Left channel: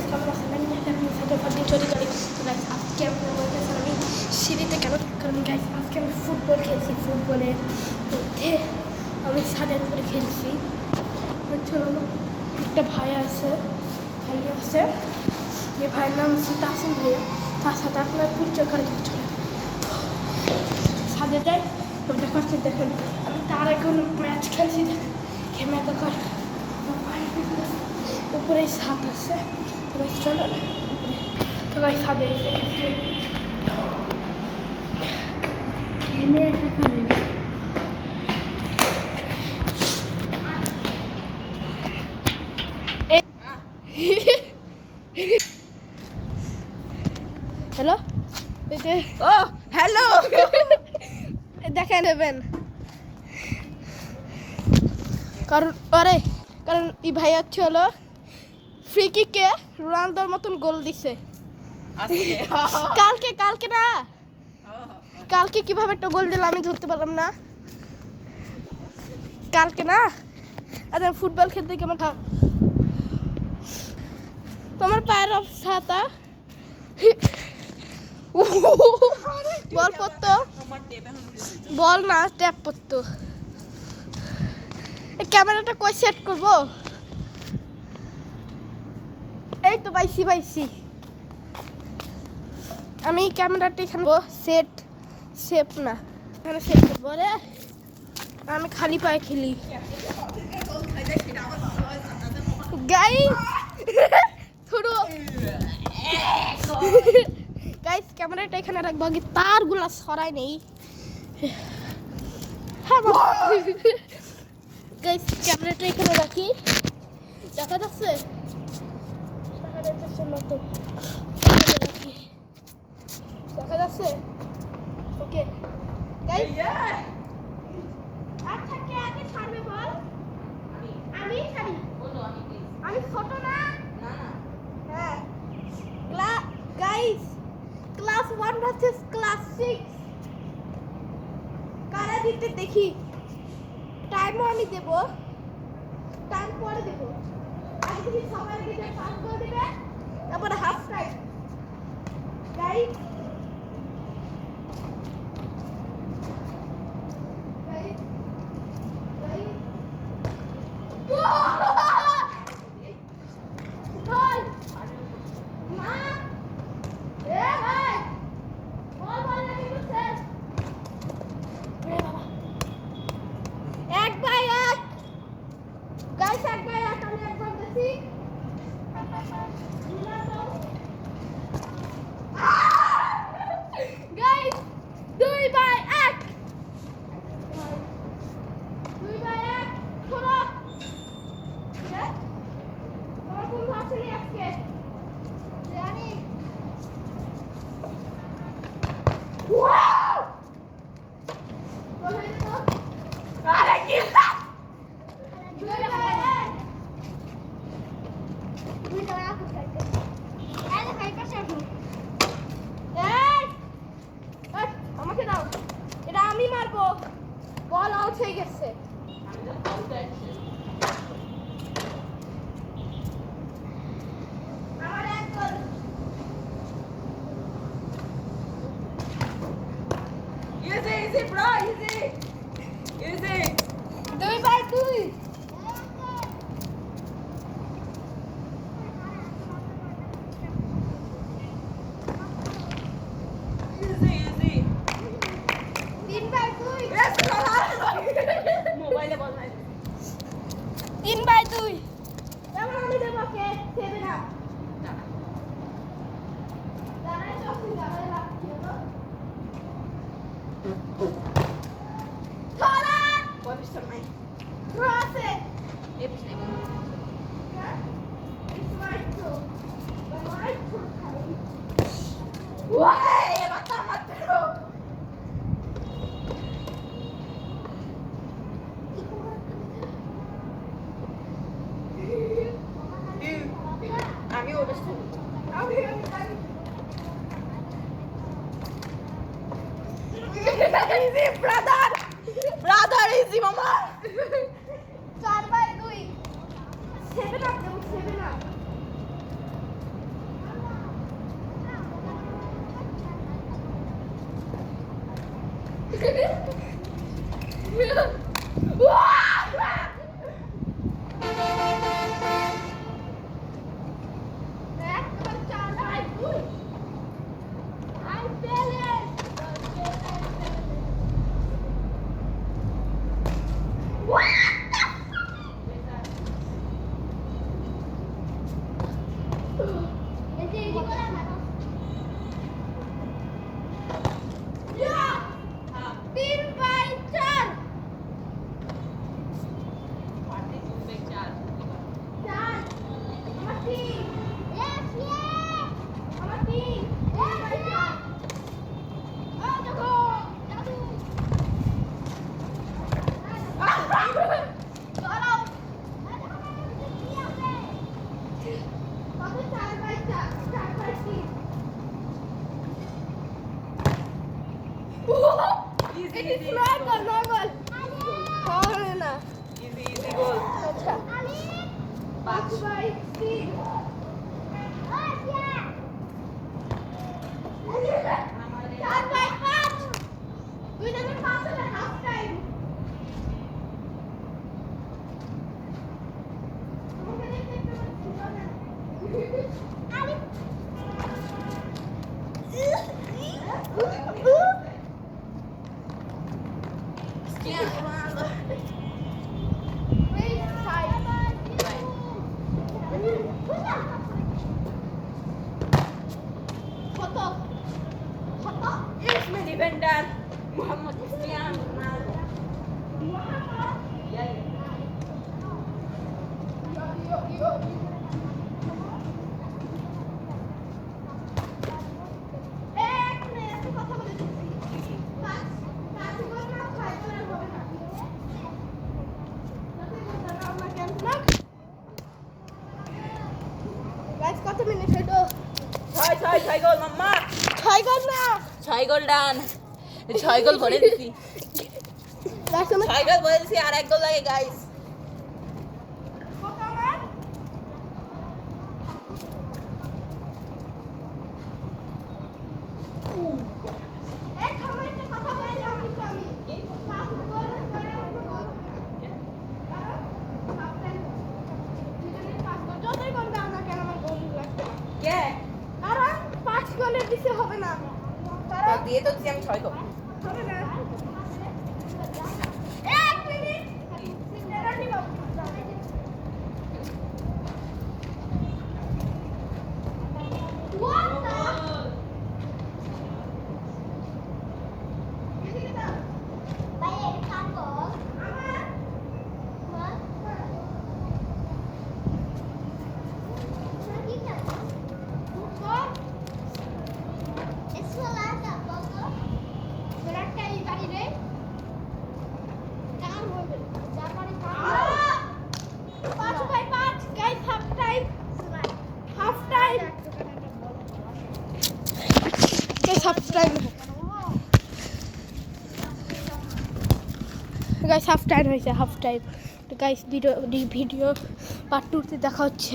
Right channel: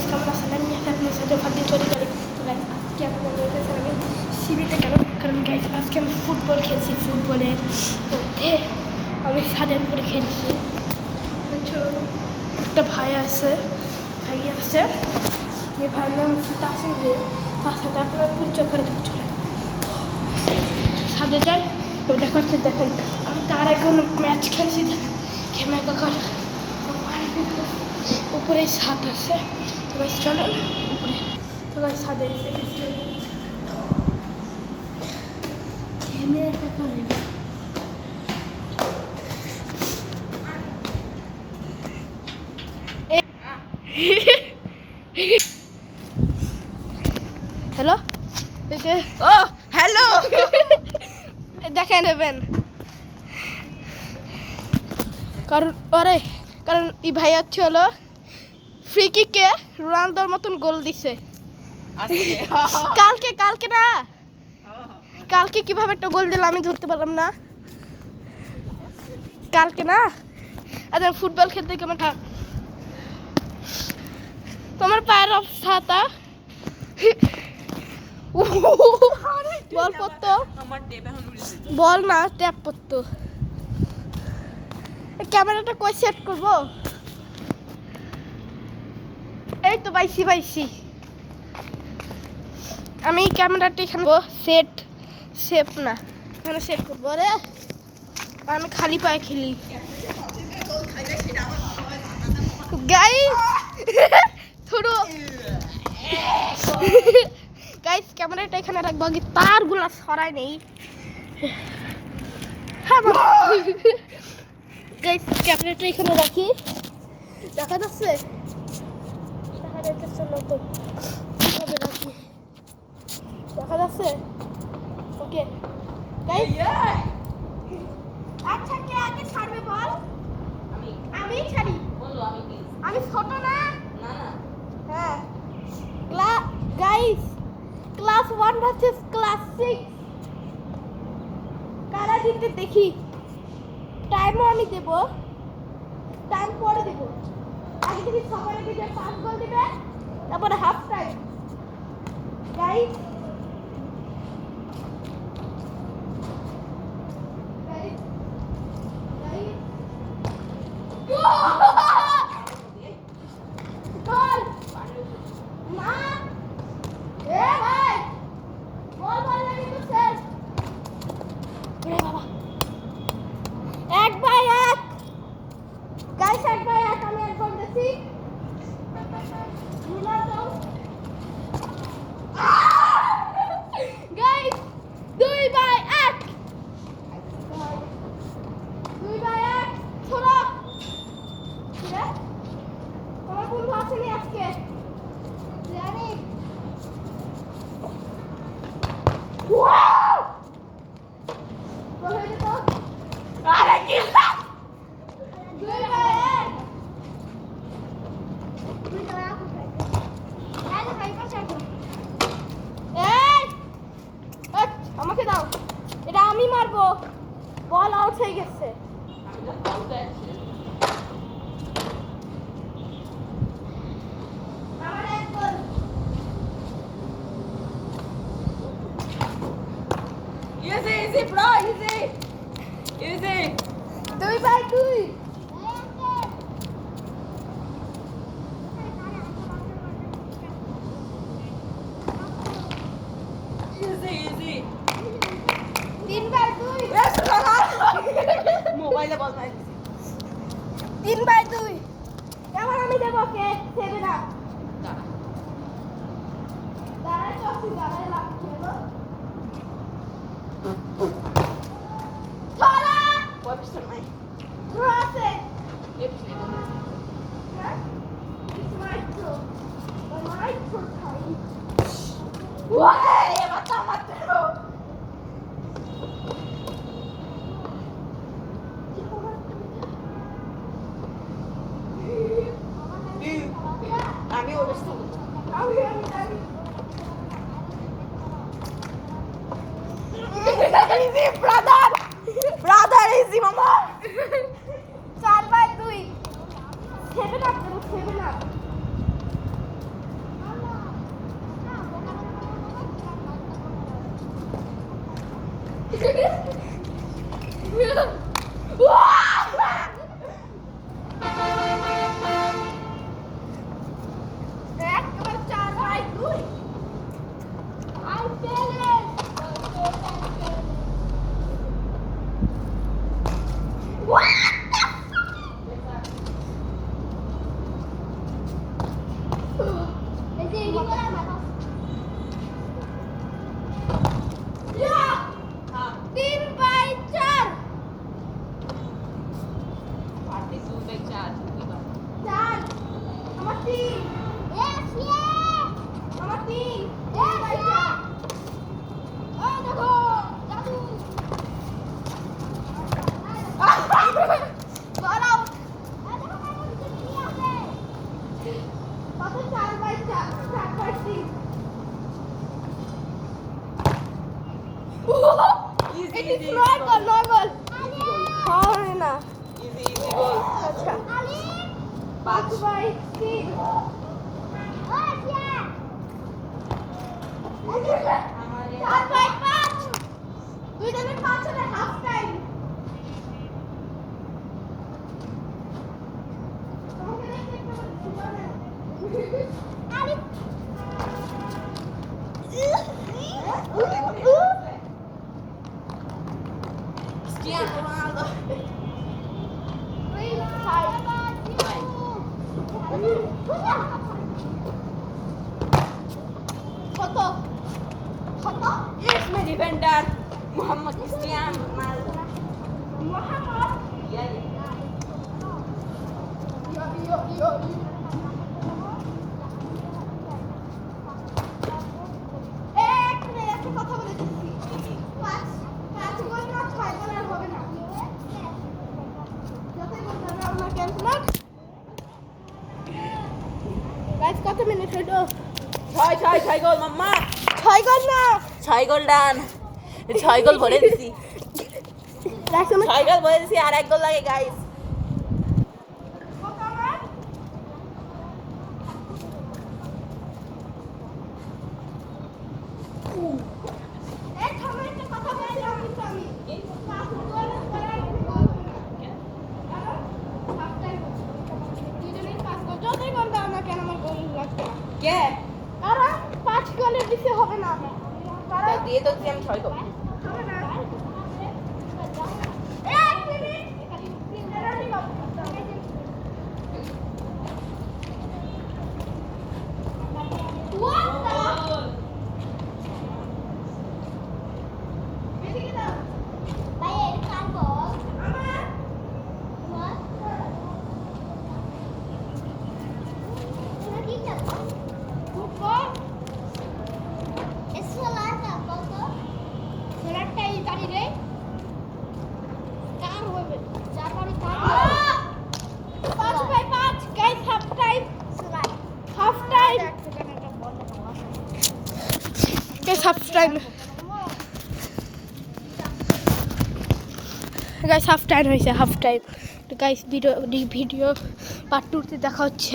Guys কেমন আছেন? আমি আপনার সাথে ফার্দিন চলে গেলি। তো গাইস আজকে আপনার বলতেছেন আমি সিঁড়িতে কেন, কারণ গাইস আজকে আমি ফুটবল খেলছি। ফুটবলের মধ্যে আমি ছাদের উপরে খেলছি। একটা ভাই আছে, যে ভাইয়ের নাম হচ্ছে তাসিম ভাইয়া। তার সাথে আপনার পরিচয় করে দিতে চলে ছাদে যাই। তো দেখাচ্ছে দেখেন আমি তার আগে কোনো ম্যাচ খেলছি, দেখেন ঘেমে কাকার উপরে ছাদ আছে। তো গাইস চলো উপরে। তো গাইস ছাদে এসে গেছি। ঘেমে কাকার হ্যালো, ও হ্যালো, দেখে নেবেন কারণ এই ভাই হচ্ছে হলো ফ্রি কিকে রোনালদোর মতন গোল দিছে কালকে না, কালকে কিভাবে একটা গোল দিল আমি ধরতে পারলাম না। কালকে না, আচ্ছা ফুটবল খেলতে কেমন থাক তোমার পায়ের অবস্থাটা বল পড়তো, বল না ট্যাপ পড়তো। ক্যামেরাটা কই সেট করবো? এই তো পাইছি আমি ক্যামেরাটা এখানে সেট না, এখানে সেট করবো রে। আমি খালি পায়ে খেলি গাইস থুরু গাইস ক্যামেরাটা এখানে রাখবো, আগে তারগুলা সরাই নেই। হ্যাঁ গাইস ক্যামেরাটা এখানে রাখি, দেখা যাচ্ছে নতুন রাখি, দেখা যাচ্ছে ওকে গাইস। আচ্ছা কে আগে ছাড়বে বল? আমি ছাড়ি। বলো আমি প্লিজ। আমি ছোট না? না হ্যাঁ গাইস ক্লাস 1 ভার্সেস ক্লাস 6 কারা জিততে দেখি। টাইমও আমি দেব, টাইম পরে দেব। আগে দেখি সকালে দিকে 5 গোল দিবে, তারপরে হাফ টাইম গাইস। আমি একবার দেখি গাইস 2-1 ছোড়া। আমার বন্ধু আসেনি আজকে জানি। আরে কি 2-1 আমাকে দাও, এটা আমি মারবো। বল আউট হয়ে গেছে। আমার এক গোল। easy bro, easy 2-2 3-2 মোবাইলে বল নাই। 3-2 এবার আমি দেবো কে 7 আপ। দাঁড়াই চলছি, দাঁড়াই লাগছে না ছড়া পজিশন নাই। ক্রসে It's my throw খাই। ওয়াই মাথা মারতে আমি অবস্থা আমি easy brother easy mama 4-2 7 up দেবো 7 আপ It is normal. হবে না। Easy goal. আচ্ছা। 5/3 4/5 দুইজনের 5 হলে হাফ টাইম। তোমাকে দেখতে একটু ভালো না। আরে Cristiano Ronaldo. কত কত इसमें defender Mohammed Cristiano Ronaldo. Yeah, yeah. একটা কথা বলে দিচ্ছি 5 গোল না 6 গোলের হবে না যতই গোল করবে আমরা ক্যান্সেল গাইস কত মিনিট হলো ছয় গোল মাম্মা 6 গোল না 6 গোল ডান 6 গোল ভরে দিছি গাইস আমরা 6 গোল ভরে দিছি আর 1 গোল লাগে গাইস এই সময়টা কথা বলে রাখছি আমি 5 গোল করার কোনো গোল হবে না হাফ টাইম দুজনের 5 গোল যতই গোল দাও না কেন আমার গোল লাগবে না কে আরে 5 গোলের বেশি হবে না তো দিয়ে তো দিছি আমি 6 গোল হবে না এক minute penalty Babu What the? এদিকে দাও ভাই এই কাম কর আমার হাফ টাইম হয়েছে হাফ টাইম তো গাইস ভিডিও পার্ট 2 তে দেখা হচ্ছে